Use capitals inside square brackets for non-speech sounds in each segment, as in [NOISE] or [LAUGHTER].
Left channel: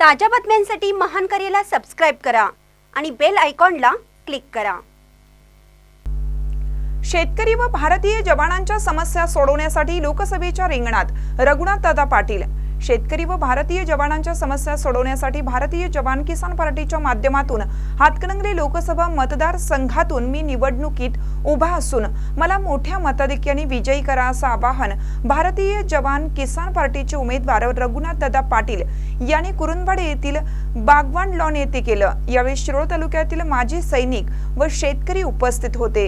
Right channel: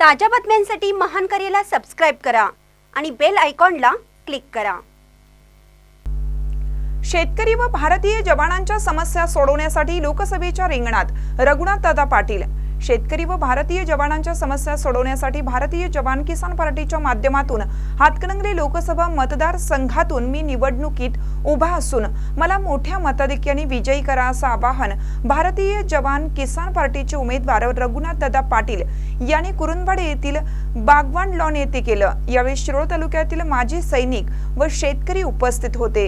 ताज्या बातम्यांसाठी महान करेला सबस्क्राईब करा आणि बेल आयकॉनला क्लिक करा. शेतकरी व भारतीय जवानांच्या समस्या सोडवण्यासाठी लोकसभेच्या रिंगणात रघुनाथ दादा पाटील शेतकरी व भारतीय जवानांच्या समस्या सोडवण्यासाठी भारतीय जवान किसान पार्टीच्या माध्यमातून हातकणंगले लोकसभा मतदारसंघातून मी निवडणुकीत उभा असून मला मोठ्या मताधिक्याने विजयी करा असं आवाहन भारतीय जवान किसान पार्टीचे उमेदवार रघुनाथ दादा पाटील यांनी कुरुंदवाडे येथील बागवान लॉन येथे केलं. यावेळी शिरोळ तालुक्यातील माजी सैनिक व शेतकरी उपस्थित होते.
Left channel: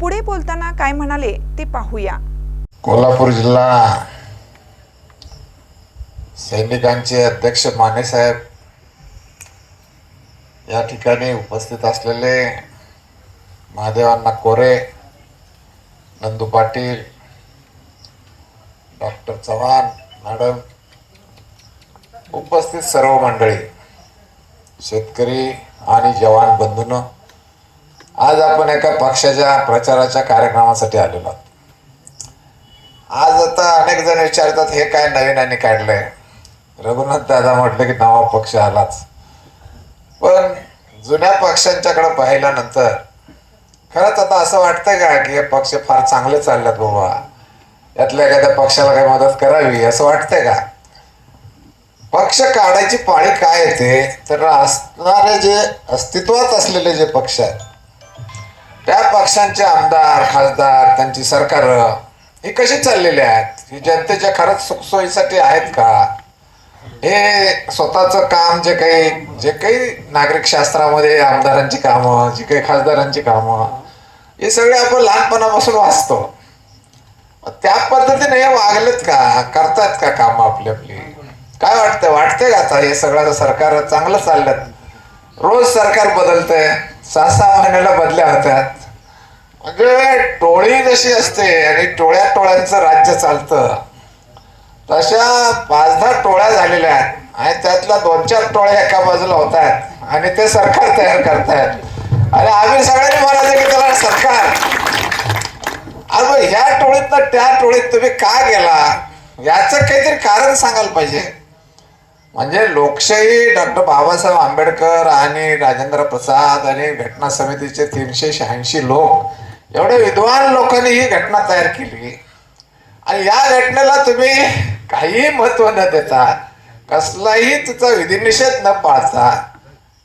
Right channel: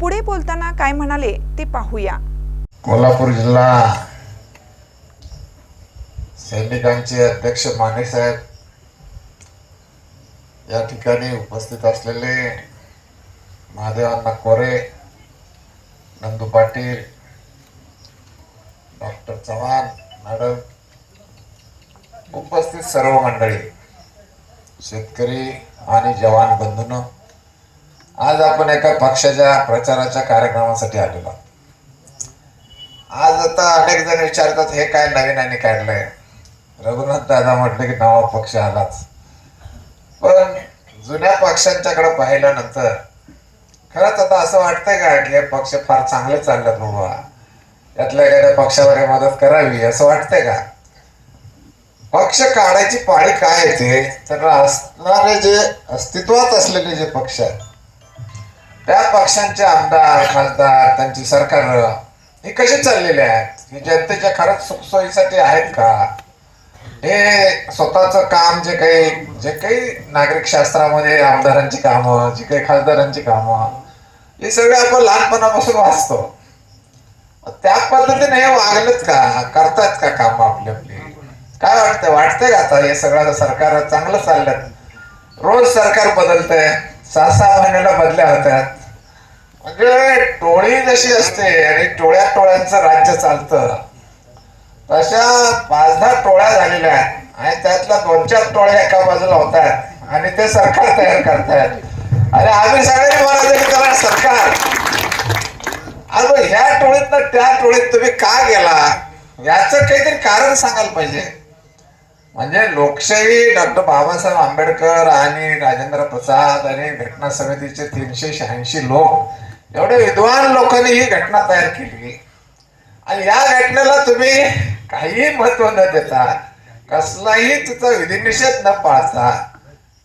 पुढे बोलताना काय म्हणाले ते पाहूया. कोल्हापूर जिल्हा सैनिकांचे अध्यक्ष माने साहेब या ठिकाणी उपस्थित असलेले महादेवांना कोरे नंदू पाटील डॉक्टर चव्हाण मॅडम उपस्थित सर्व मंडळी शेतकरी आणि जवान बंधून आज आपण एका पक्षाच्या प्रचाराच्या कार्यक्रमासाठी आलेलो आहोत. आज आता अनेक जण विचारतात हे काय नवीन आणि काढलंय रघुनाथ दादा म्हटलं की नवा पक्ष आलाच. पण जुन्या पक्षांच्याकडे पाहिल्यानंतर खरंच आता असं वाटतंय का की हे पक्ष फार चांगले चाललेत बाबा यातल्या एखाद्या पक्षाला काही मदत करावी असं वाटतंय का? पक्ष काढायची पाळी काय येते तर असणारे जे अस्तित्वात असलेले जे पक्ष आहेत त्या पक्षांचे आमदार खासदार त्यांची सरकार हे कसे चाललेले आहेत? ही जनतेच्या खरंच सुखसोयीसाठी आहेत का? हे स्वतःचं काम जे काही जे काही नागरिक शास्त्रामध्ये आमदारांची कामं जी काही खासदारांची कामं हे सगळे आपण लहानपणापासून वाचतो. त्या पद्धतीने हे वागलेत का? करतात का काम आपली आपली? काय वाटतंय? वाटतंय का आता हे सगळं? सरकार चांगलं चाललं रोज सरकार बदलतंय. सहा सहा महिन्याला बदल्या होत्यात म्हणजे टोळी जशी असते आणि टोळ्या टोळ्यांचं राज्य चालतं. तशा पाच दहा टोळ्या झालेल्या आहेत. आणि त्यातल्या दोन चार टोळ्या एका बाजूला होतात. आणि ते सरकार तयार करतायत आणि आम्ही सगळ्यांनी म्हणायचं की त्याला सरकार. आणि मग ह्या टोळीत त्या टोळीत तुम्ही का गेला? याच काहीतरी कारण सांगायला पाहिजे. म्हणजे लोकशाही डॉक्टर बाबासाहेब आंबेडकर आणि राजेंद्र प्रसाद आणि घटना समितीचे तीनशे शहाऐंशी लोक एवढे विद्वान लोकांनी ही घटना तयार केली. आणि या घटनेला तुम्ही काही महत्त्व न देता कसलाही तिचा विधिनिषेध न पाळता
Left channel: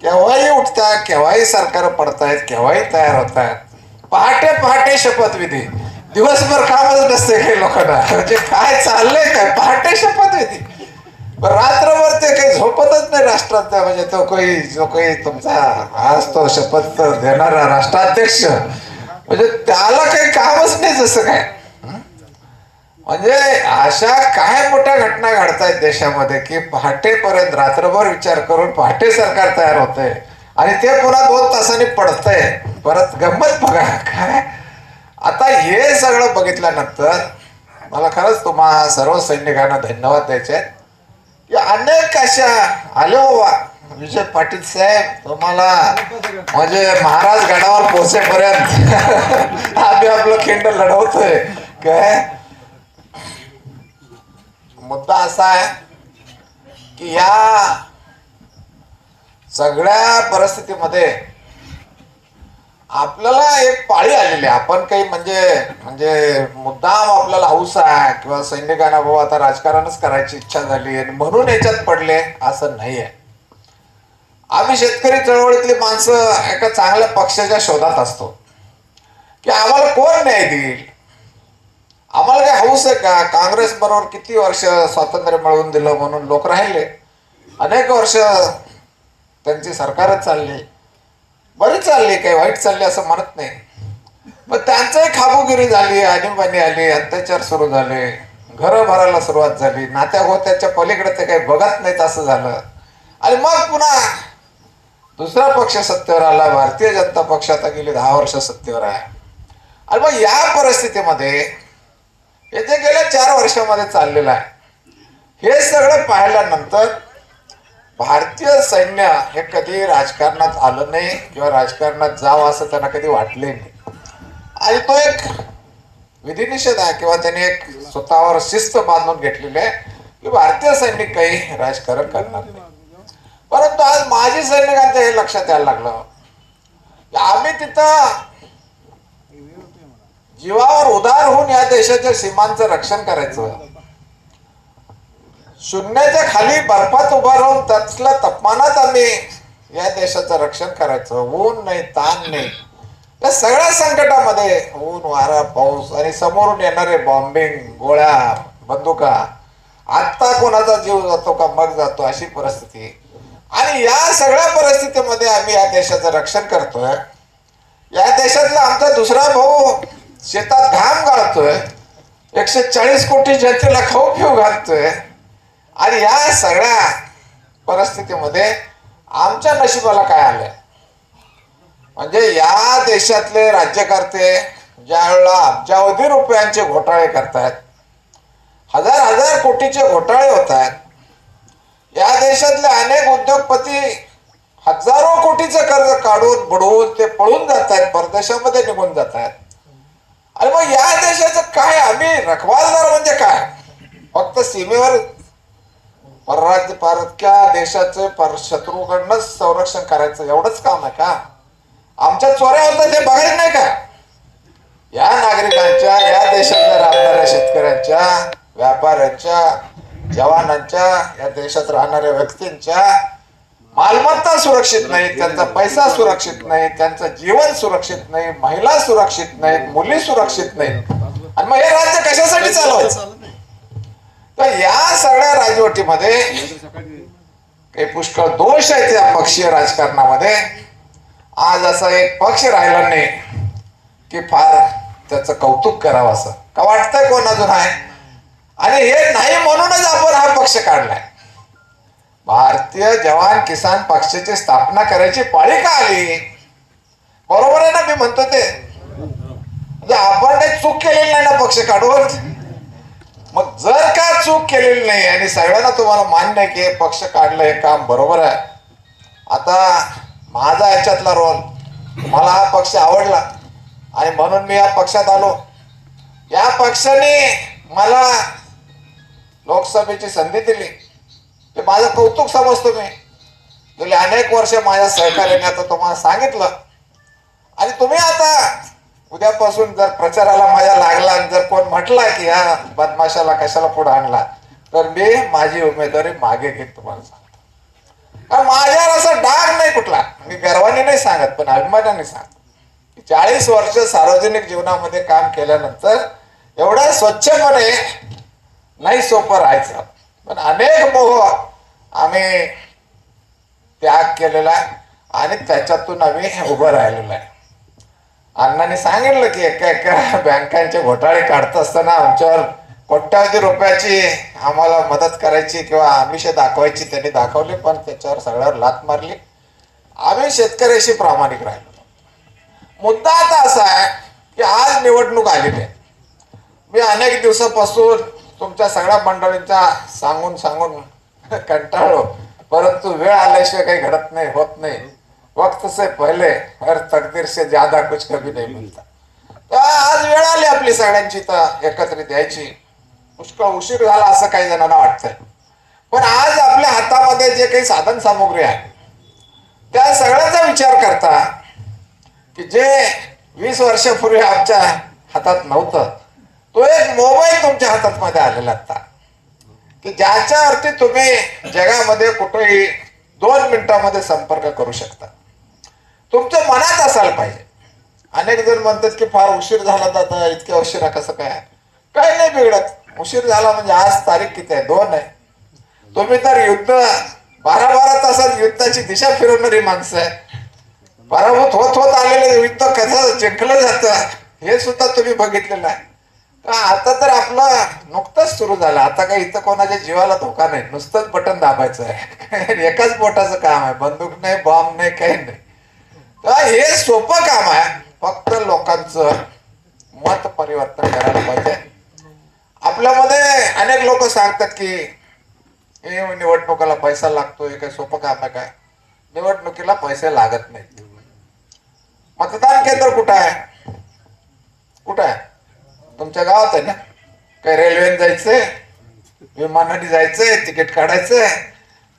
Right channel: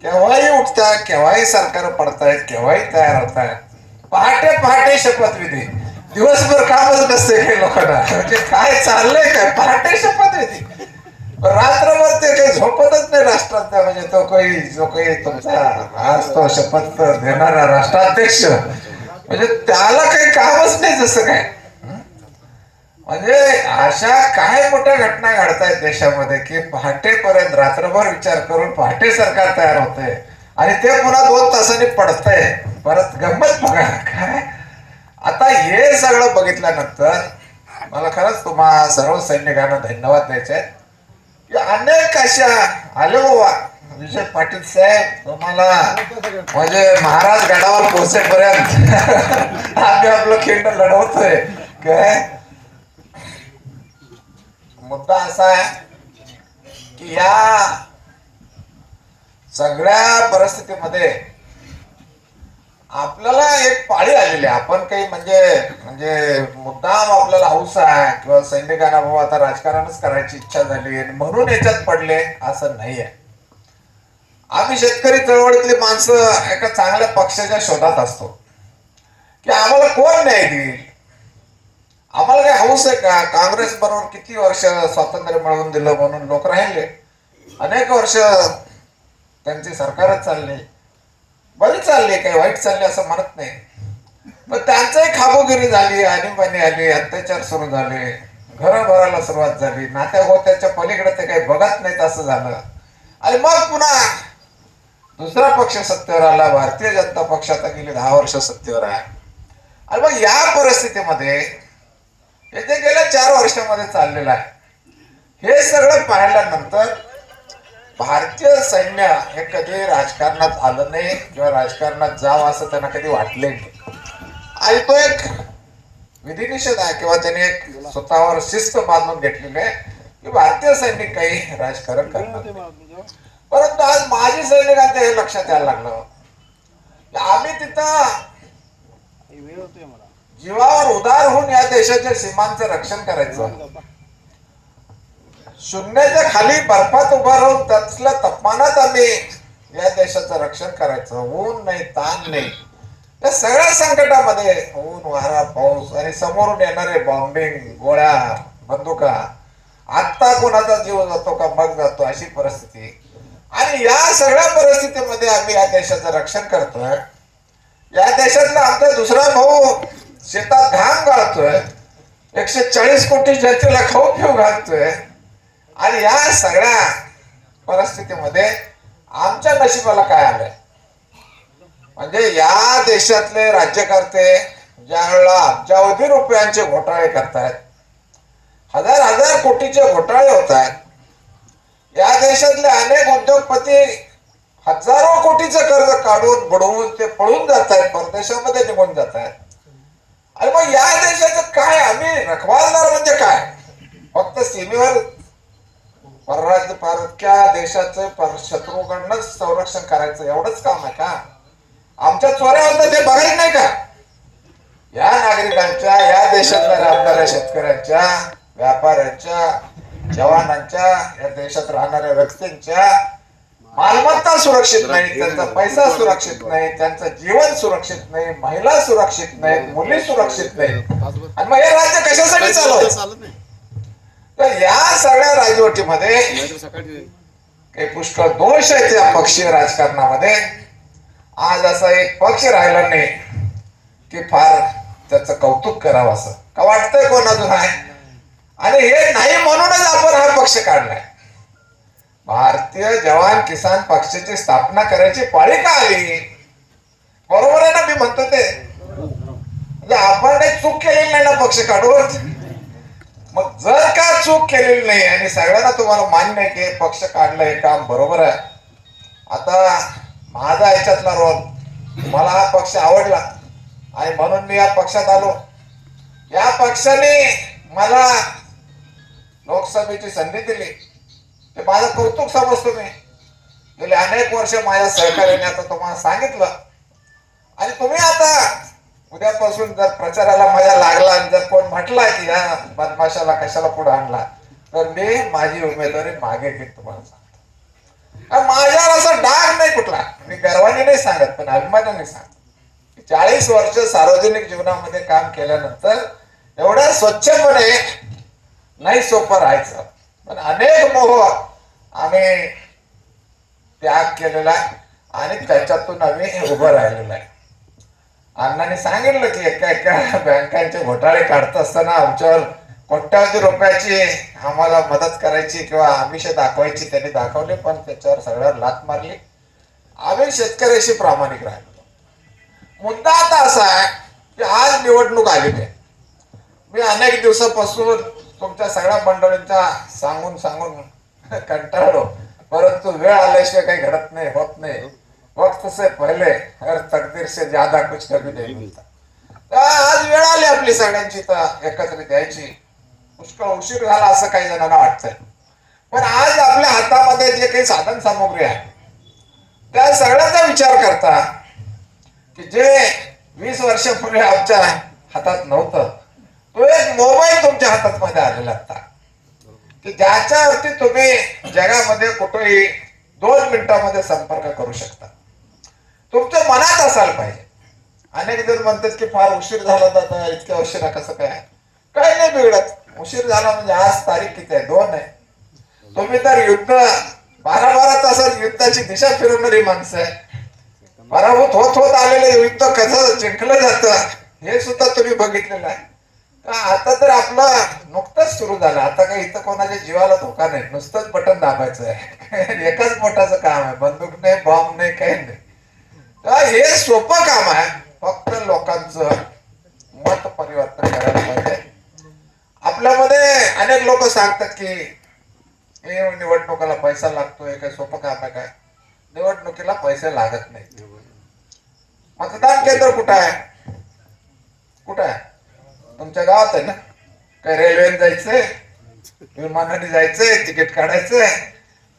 केव्हाही उठता केव्हाही सरकार पडतायत केव्हाही तयार होत आहेत पहाटे पहाटे शपथविधी दिवसभर कामच नसते काही लोकांना. म्हणजे काय चाललंय काय? पहाटे शपथविधी रात्रभर ते काही झोपतच नाही राष्ट्रात म्हणजे तो काही जो काही तुमचा आज तो शपथ देणारा राष्ट्राध्यक्ष. म्हणजे त्याला काही कामच नाही जसं काय. म्हणजे अशा काय मोठ्या घटना घडतायत देशामध्ये की पहाटेपर्यंत रात्रभर विचार करून पहाटे सरकार तयार होतंय. आणि ते पुन्हा दोन तासांनी पडतंय. परत गंमत बघा. काय? आता हे सगळं बघितल्यानंतर मला खरंच तुम्हा सर्व सैनिकांना धन्यवाद द्यायचे आहेत की अनेक अशा आले बाबा. विजय पाटील साहेब तुम्हाला म्हणजे महाराज गडावर पोहोचेपर्यंत आम्ही आपलं खिंड लढवतोय. काय? मुद्दा असा आहे की या सगळ्या परिस्थितीमध्ये आपल्याला एक पाळी आलेली आहे. आपण काही म्हणजे म्हणजे मुद्दाम आपल्याला हौस आहे किंवा सैनिकांना बाबा आता राजकारणच करायची इच्छा झाली आणि म्हणून याच्यात पडले असं नाही आहे आम्ही शेतकरी चळवळीतली माणसं एका चांगल्या पक्षाच्या शोधात असतो. की आम्हाला कोण न्याय देईल? आम्हाला काही हौस आहे का? काँग्रेस बरोबर किती वर्ष स्वातंत्र्य मिळवून दिलं म्हणून लोक राहिले? अनेक वर्ष त्यांची सरकारच चालली. बरी चालली काही वाईट चालले असं म्हणत नाही. मग त्यांचंही खाबोगिरी झाली आणीबाणी आली अत्याचार सुरू झाले घरं भरायला सुरुवात झाली नात्या गोत्याच्या पलीकडे ते काही बघत नाहीत असं झालं. आणि मग पुन्हा दुसरा पक्ष सत्तेवर आला भारतीय जनता पक्ष आता गेली दहा वर्ष सत्तेवर आहे. आणि मग या परिस्थितीमध्ये येथे गेल्या चार वर्षामध्ये चाललेलं आहे. हे सगळं पाहिल्यानंतर भारतीय सैन्य हे कधी राजकारणात आलं नाही किंवा राजकारणात जावं असं त्यांना कधी वाटले नाही. आणि तो एक विधिनिषेध आहे किंवा त्याने एक स्वतःवर शिस्त बांधून घेतलेली आहे की भारतीय सैनिक काही राजकारण करणार नाही. परंतु आज माजी सैनिकांचं हे लक्षात यायला लागलं. आम्ही तिथं जीवावर उदार होऊन या देशाच्या सीमांचं रक्षण करायचं शून्याच्या खाली बर्फात उभा राहून त्यातल्या तापमानात आम्ही या देशाचं रक्षण करायचं ऊन नाही ताण नाही. या सगळ्या संकटामध्ये ऊन वारा पाऊस आणि समोरून येणारे बॉम्बिंग गोळ्या बंदुका आत्ता कोणाचा जीव जातो का मग जातो अशी परिस्थिती. आणि या सगळ्या परिस्थितीमध्ये आम्ही या देशाचं रक्षण करतोय. या देशातला आमचा दुसरा भाऊ शेतात घाम घालतोय एकशे चाळीस कोटी जनतेला खाऊ पिऊ घालतोय. आणि या सगळ्या परिस्थितीमध्ये आमच्या नशिबाला काय आलंय? म्हणजे या देशातले राज्यकर्ते ज्या वेळेला अब्जावधी रुपयांचे घोटाळे करतायत हजार हजार कोटीचे घोटाळे होत आहेत या देशातले अनेक उद्योगपती हजारो कोटीचे कर्ज काढून बुडवून ते पळून जात आहेत परदेशामध्ये निघून जात आहेत अरे मग या देशाचं काय? आम्ही रखवालदार म्हणजे काय? फक्त सीमेवर परराज्य परक्या देशाचं पर शत्रूकडनं संरक्षण करायचं? एवढंच काम आहे का? आमच्या चोऱ्या होतं ते बघायला नाही का? या नागरिकांच्या या देशातल्या राहणाऱ्या शेतकऱ्यांच्या व्यापाऱ्यांच्या जवानांच्या या देशात राहणाऱ्या व्यक्तींच्या मालमत्ता सुरक्षित नाही त्यांचा पैसा सुरक्षित नाही त्यांचं जीवन सुरक्षित नाही महिला सुरक्षित नाहीत मुली सुरक्षित नाहीत आणि मग हे राज्य कशासाठी चालवलं तर या सगळ्या राजवटीमध्ये काही पुष्कळ दोष आहेत या पक्षीय राजकारणामध्ये. आज असा एक पक्ष राहिला नाही की फार त्याचं कौतुक करावं असं. का वाटतंय कोण अजून आहे? आणि हे नाही म्हणूनच आपण हा पक्ष काढलाय. भारतीय जवान किसान पक्षाची स्थापना करायची पाळी का आली? बरोबर आहे ना मी म्हणतो ते. म्हणजे आपण चूक केलेली नाही ना पक्ष काढवर मग जर का चूक केलेली नाही आणि सगळ्यांना तुम्हाला मान्य आहे की हे पक्ष काढलं हे काम बरोबर आहे. आता माझा याच्यातला रोल मला हा पक्ष आवडला आणि म्हणून मी या पक्षात आलो. या पक्षाने मला लोकसभेची संधी दिली. ते माझं कौतुक समजतो मी. गेले अनेक वर्ष माझ्या सहकार्याने आता तुम्हाला सांगितलं. आणि तुम्ही आता उद्यापासून जर प्रचाराला माझ्या लागला आणि जर कोण म्हटला की हा बदमाशाला कशाला पुढे आणला? तर मी माझी उमेदवारी मागे घेत तुम्हाला सांगतो. आणि माझ्यावर असं डाग नाही कुठला. मी गर्वाने नाही सांगत पण अभिमानाने सांगतो. चाळीस वर्ष सार्वजनिक जीवनामध्ये काम केल्यानंतर एवढ्या स्वच्छपणे नाही सोपं राहायचं. पण अनेक मोह आम्ही त्याग केलेला आहे आणि त्याच्यातून आम्ही उभं राहिलेलो आहे. अण्णाने सांगितलं की एका एका बँकांचे घोटाळे काढत असताना आमच्यावर कोट्यावधी रुपयाची आम्हाला मदत करायची किंवा आमिष दाखवायची त्यांनी दाखवली पण त्याच्यावर सगळ्यावर लात मारली. आम्ही शेतकऱ्याशी प्रामाणिक राहिलो. मुद्दा आता असा आहे की आज निवडणूक आलेली आहे. मी अनेक दिवसापासून तुमच्या सगळ्या मंडळींच्या सांगून सांगून [LAUGHS] कंटाळलो. परंतु वेळ आल्याशिवाय काही घडत नाही होत नाही. वक्त से पहिले हर तकदीर से ज्यादा कुछ कभी नाही मिलता. तर आज वेळ आली आपली सगळ्यांची तर एकत्रित यायची. पुष्कळ उशीर झाला असं काही जणांना वाटतंय. पण आज आपल्या हातामध्ये जे काही साधन सामुग्री आहे त्या सगळ्यांचा विचार करता की जे वीस वर्षापूर्वी आमच्या हातात नव्हतं तो एक मोबाईल तुमच्या हातात मध्ये आलेला आता की ज्याच्यावरती तुम्ही जगामध्ये कुठेही दोन मिनिटांमध्ये संपर्क करू शकता. तुमच्या मनात असायला पाहिजे. अनेक जण म्हणतात की फार उशीर झाला तर आता इतक्या उशिरा कसं काय? काही नाही बिघडत. उशीर झाला म्हणजे आज तारीख किती आहे? दोन आहे. तुम्ही तर युद्ध बारा बारा तासात युद्धाची दिशा फिरवणारी माणसं आहे. पराभूत होत होत आलेलं युद्ध कसं जिंकलं जातं हे सुद्धा तुम्ही बघितलेलं आहे. आता तर आपलं नुकतंच सुरू झालं. आता काही इथं कोणाच्या जीवाला धोका नाही. नुसतंच बटन दाबायचं आहे. [LAUGHS] एकाच बोटाचं काम आहे. बंदूक नाही बॉम्ब नाही काही नाही. तर हे सोपं काम आहे. फक्त लोकांचं मत परिवर्तन करायला पाहिजे. आपल्यामध्ये अनेक लोक सांगतात की हे निवडणुकाला पैसा लागतोय काय सोपं काम आहे काय? निवडणुकीला पैसे लागत नाही मतदान केंद्र कुठं आहे? कुठं आहे? तुमच्या गावात आहे ना? काय रेल्वेने जायचंय? विमानाने जायचंय? तिकीट काढायचंय?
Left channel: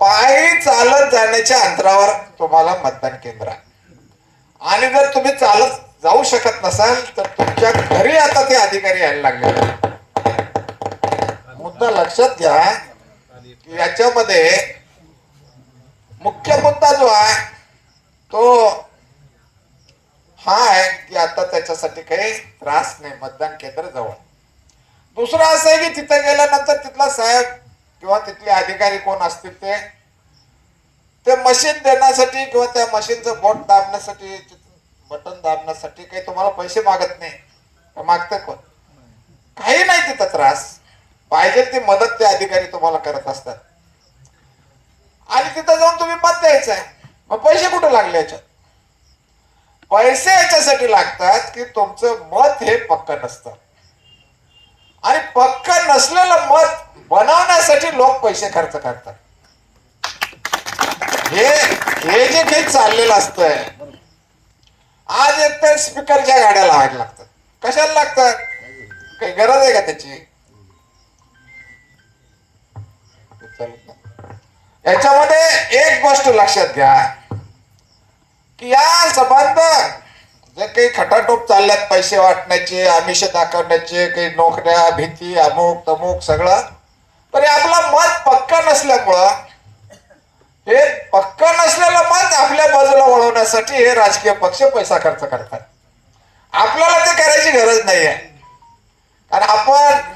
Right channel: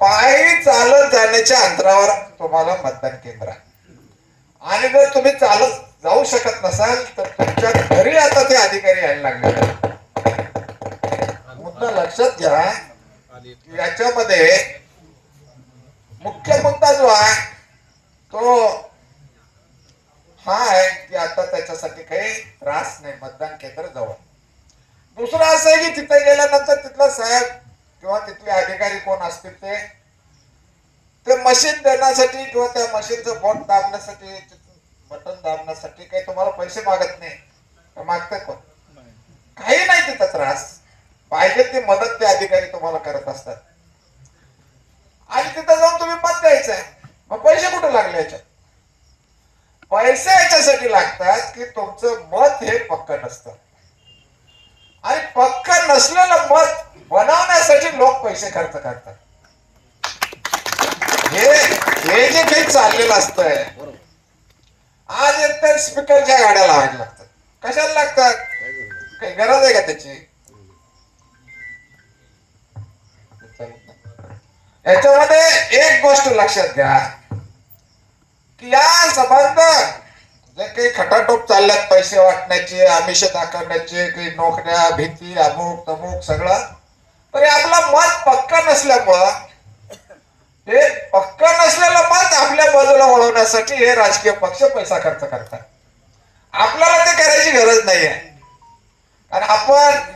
पायी चालत जाण्याच्या अंतरावर तुम्हाला मतदान केंद्र आहे. आणि जर तुम्ही चालत जाऊ शकत नसाल तर तुमच्या घरी आता ते अधिकारी यायला लागले मुद्दा लक्षात घ्या. याच्यामध्ये मुख्य मुद्दा जो आहे तो हा आहे की आता त्याच्यासाठी काही त्रास नाही मतदान केंद्र जवळ. दुसरं असं आहे की तिथे गेल्यानंतर तिथला साहेब किंवा तिथले अधिकारी कोण असतील ते ते मशीन देण्यासाठी किंवा त्या मशीनचं बोट दाबण्यासाठी बटन दाबण्यासाठी काही तुम्हाला पैसे मागत नाही. मागते कोण? काही नाही तिथं त्रास. पाहिजे ती मदत ते अधिकारी तुम्हाला करत असतात. आणि तिथं जाऊन तुम्ही मत द्यायचं आहे मग पैसे कुठे लागले याच्यात? पैसे याच्यासाठी लागतात की तुमचं मत हे पक्क नसतं. आणि पक्क नसलेलं मत बनवण्यासाठी लोक पैसे खर्च करतात. हे हे जे काही चाललेलं असतंय आज एक तर स्पीकरच्या गाड्या लावायला लागतात. कशाला लागतात? काही गरज आहे का त्याची? याच्यामध्ये एक गोष्ट लक्षात घ्या की या संबंध जे काही खटाटोप चालल्यात पैसे वाटण्याचे आमिष दाखवण्याचे काही नोकऱ्या भीती अमुक तमुक सगळं. तरी आपलं मत पक्का नसल्यामुळं हे पक्का नसलेलं मत आपल्या बाजूला वळवण्यासाठी हे राजकीय पक्ष पैसा खर्च करतात. आपल्याला ते करायची गरज नाही आहे कारण आपण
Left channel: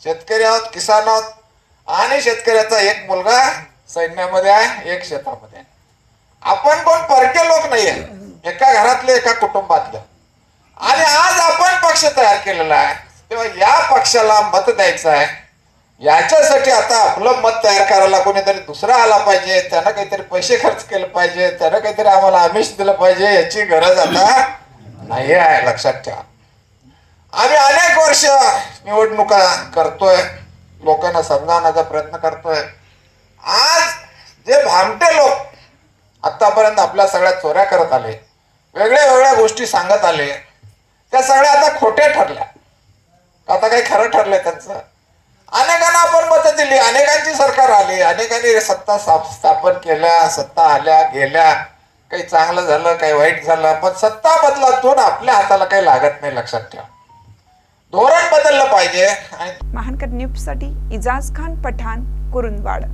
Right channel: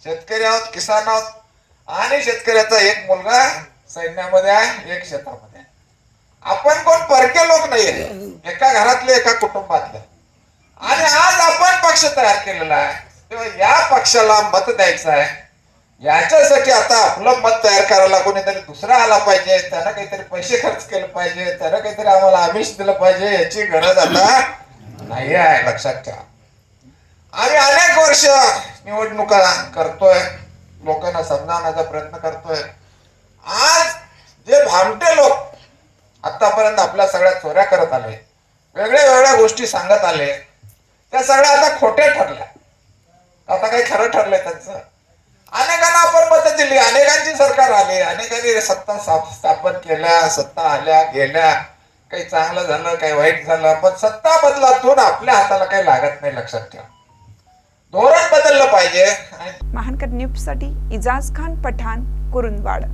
शेतकरी आहोत किसान आहोत आणि शेतकऱ्याचा एक मुलगा सैन्यामध्ये आहे एक शेतामध्ये आहे. आपण कोण परके लोक नाही आहे एका घरातले एका कुटुंबातले. आणि आज आपण पक्ष तयार केलेला आहे. तेव्हा या पक्षाला मत द्यायचं आहे. याच्यासाठी आता आपलं मत तयार करायला कोणीतरी दुसरा आला पाहिजे. त्यानं काहीतरी पैसे खर्च केले पाहिजे. त्यानं काहीतरी आम्हाला आमिष दिलं पाहिजे. याची गरज आता नाही आहे लक्षात ठेवा. आम्ही अनेक वर्ष निवडणुका करतोय. लोकांना समजावण्याचा प्रयत्न करतोय. आज जे भामटे लोक आतापर्यंत आपल्या सगळ्या चोऱ्या करत आले. वेगळ्या वेगळ्या गोष्टी सांगत आले. त्या सगळ्या आता खोट्या ठरल्या. आता काही खरं ठरलंय त्यांचं. अनेकांना आपण मत दिली. अनेकांची सरकार आली. अनेकांनी सत्ता स्थापन केल्या सत्ता आल्या गेल्या. काही चांगलं झालं काही वाईट झालं. पण सत्ता बदलातून आपल्या हाताला काही लागत नाही लक्षात ठेवा. धोरण बदललं पाहिजे आणि महानकर न्यूजसाठी इजाज खान पठाण कुरुंदवाड.